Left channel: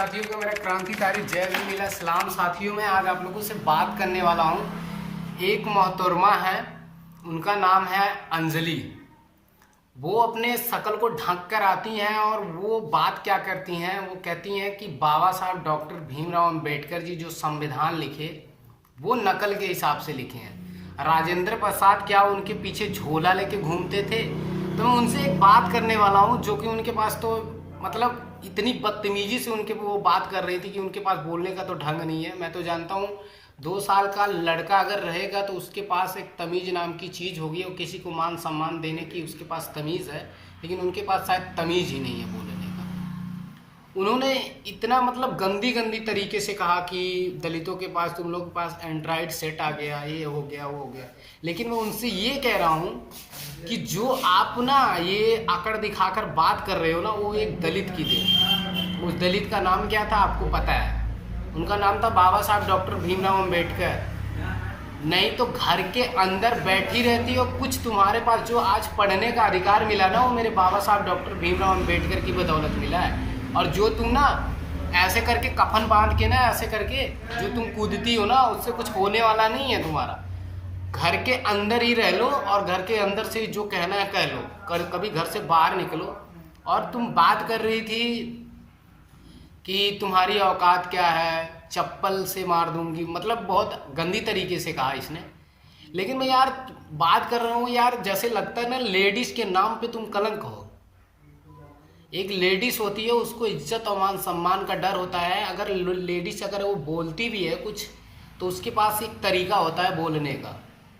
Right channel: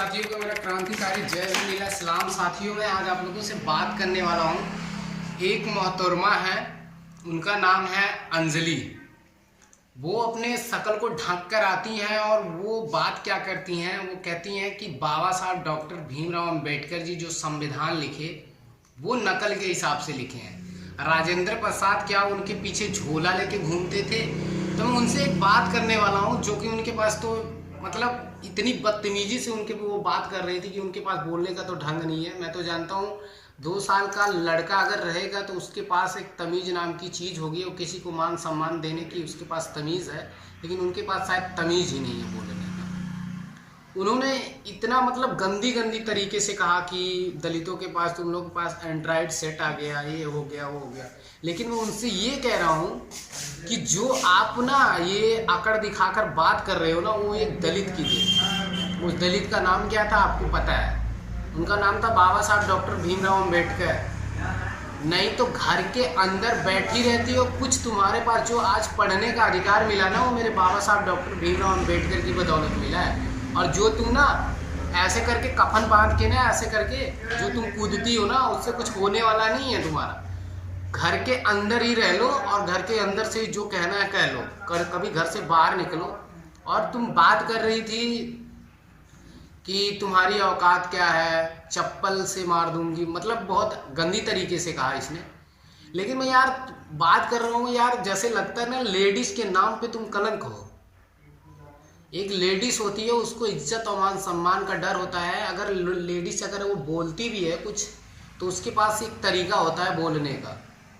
साथियों को मेरा क्रांतिकारी जय लीला सलाम। साथियों मैं आज आप लोगों से बात करने वाला हूँ। एक मोहतरमा है, उनका नाम है अंजलि। वो अपने शकल को ढक कर आती हैं और वो बात क्या करती हैं, वो कहती हैं कि बाबा साहब डॉक्टर भीमराव अंबेडकर जी जो संविधान लिखे वो नकल के हिसाब से लिखे हैं। राजेंद्र प्रसाद क्या उनके पीछे झोला लेके घूमते थे? तो मैं उनसे एक बात करने वाला हूँ जो कि उनके पास तो मतलब इतनी बदतमीजी से उनके वो बात कर रही थी कि उनके पास बोलने का तो ढंग नहीं है। मैं तो जानता हूँ 2 साल का लड़का अगर रहेगा तो उसके पास एक तमीज़ नाम की चीज़ होगी और किसी को मान सम्मान देने की उसके पास तमीज़ है, लेकिन उनके पास शायद तमीज़ ही नहीं है बोलने का। उन्होंने इतना मतलब गंदी गंदी तरीके से कहा कि दलितों के पास, तुम लोग के पास एंड्रॉयड सेट आ गया, ये हो गया वो हो गया। लेकिन मैं उनसे ये कह रहा हूँ कि जो आप ना ये आकड़ दिखाकर बात कर रहे हो ना, वो एक दलित की देन। उस दलित का नाम क्या था आपको पता है? उनका नाम था बाबा साहब डॉक्टर भीमराव अंबेडकर। नहीं तो घर के अंदर बैठी रहती हो। कुछ तुम्हारे पास जो आज पढ़ने का अधिकार मिला ना, वो मेरे बाबा साहब डॉक्टर भीमराव अंबेडकर की बदौलत मिला है। और जो तुम ना ऐसे करके कफन बांध के ना ऐसे करके जो तुम कूदती हो ना, उससे कुछ होने वाला नहीं है तुम्हारा। घर के अंदर ही रह लो और घर के अंदर से जो कहना है कह लो, कभी घर से बाहर निकलो। और तुम बात कर रही थी कि तुम्हारी औकात क्या है, चप्पल से मार दूंगी, मतलब बहुत गंदी तरीके से कहा इसने। लेकिन मैं यार बात कर रहा हूँ यार, जैसे लगता है ना लेडीज़ के नाम पे तुम कलंक हो। एक लेडीज़ होती है, उसको इज्जत और मान सम्मान का डर होता है। अगर लेडीज़ अगर वो बोलती भी है कुछ तो उसके पास एक तरीका होता है बोलने का,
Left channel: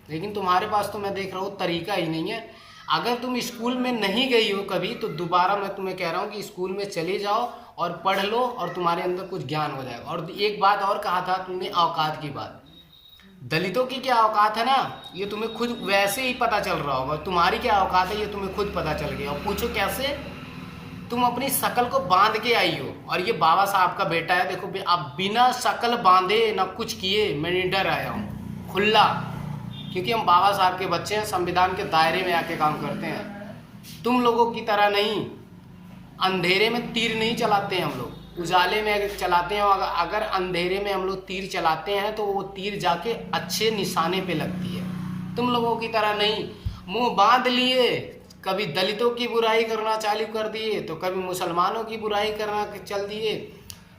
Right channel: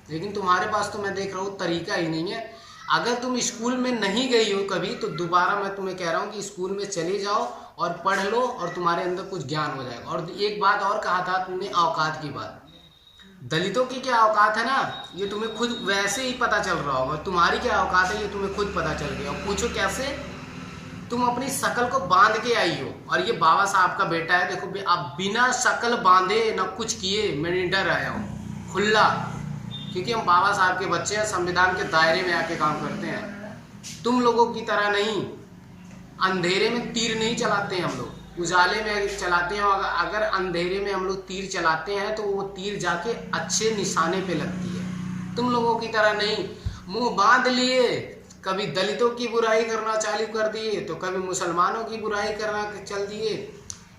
लेकिन तुम्हारे पास तो मैं देख रहा हूँ तरीका ही नहीं है। अगर तुम स्कूल में नहीं गई हो कभी तो दोबारा मैं तुम्हें कह रहा हूँ कि स्कूल में चले जाओ और पढ़ लो और तुम्हारे अंदर कुछ ज्ञान हो जाएगा। और एक बात और कहा था तुमने, औकात की बात। दलितों की क्या औकात है ना, ये तुम्हें खुद वैसे ही पता चल रहा होगा। तुम्हारी क्या औकात है ये तुम्हें खुद पता चल गया। और पूछो कैसे? तुम अपनी शकल को बांध के आई हो और ये बाबा साहब का बेटा है। देखो अब बिना शकल बांधे ना कुछ किए मैं निडर आया हूँ खुला, क्योंकि हम बाबा साहब के बच्चे हैं, संविधान के दायरे में आके काम करते हैं। तुम लोगों की तरह नहीं, अंधेरे में तीर नहीं चलाते हैं हम लोग, उजाले में चलाते हैं। अगर अंधेरे में हम लोग तीर चलाते हैं तो वो तीर जाके अच्छे निशाने पे लगती है। तुम लोगों की तरह नहीं मुंह बांध लिए, कभी दलितों की बुराई करना चालू कर दिए तो कभी मुसलमानों की बुराई करना चल दिए,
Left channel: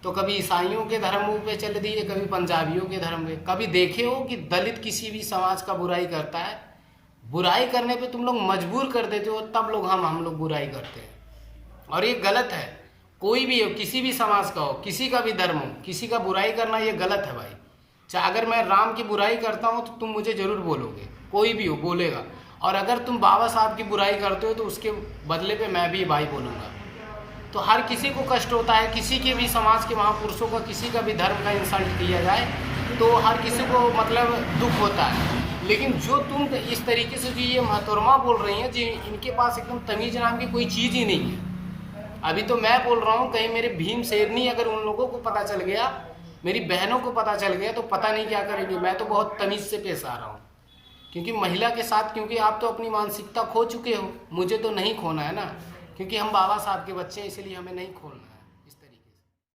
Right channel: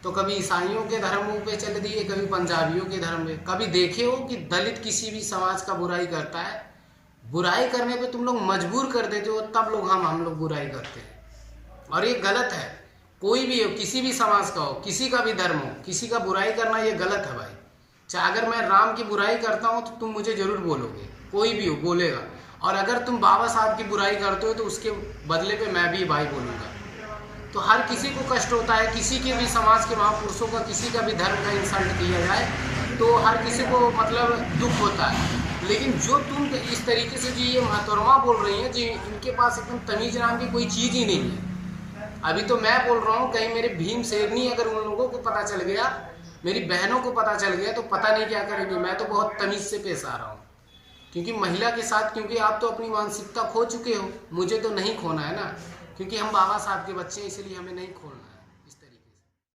तो कभी ईसाइयों के धर्मों पे चल दिए, कभी पंजाबियों के धर्म पे। कभी देखे हो कि दलित किसी भी समाज का बुराई करता है? बुराई करने पे तुम लोग मजबूर कर देते हो, तब लोग हम लोग बुराई करते हैं। और ये गलत है। कोई भी हो, किसी भी समाज का हो, किसी का भी धर्म हो, किसी का बुराई करना ये गलत है भाई। चाहे अगर मैं राम की बुराई करता हूँ तो तुम मुझे ज़रूर बोलोगे, कोई भी हो बोलेगा। और अगर तुम बाबा साहब की बुराई करते हो तो उसके बदले पे मैं भी भाई बोलूँगा। तो हर किसी को कष्ट होता है, किसी के भी समाज के महापुरुषों का, किसी का भी धर्म का इंसल्ट किया जाए तो हर किसी को मतलब दुख होता है। लेकिन जो तुम इस तरीके से जो ये मोहतरमा बोल रही हैं, जी इनके पास एकदम तमीज़ नाम की कोई चीज़ ही नहीं है। अभी तो मैं बोल रहा हूँ, कहीं मेरे भीम शेरनी अगर उन लोगों को पता चल गया, मेरी बहनों को पता चल गया तो पता नहीं क्या करेंगे। मैं तो बहुत तमीज़ से पेश आ रहा हूँ, क्योंकि महिला के साथ, क्योंकि आप तो अपनी मानसिकता खो चुके हो, मुझे तो नहीं खोना है ना, क्योंकि हम बाबा साहब के बच्चे हैं, इसलिए हमें नहीं खोना है।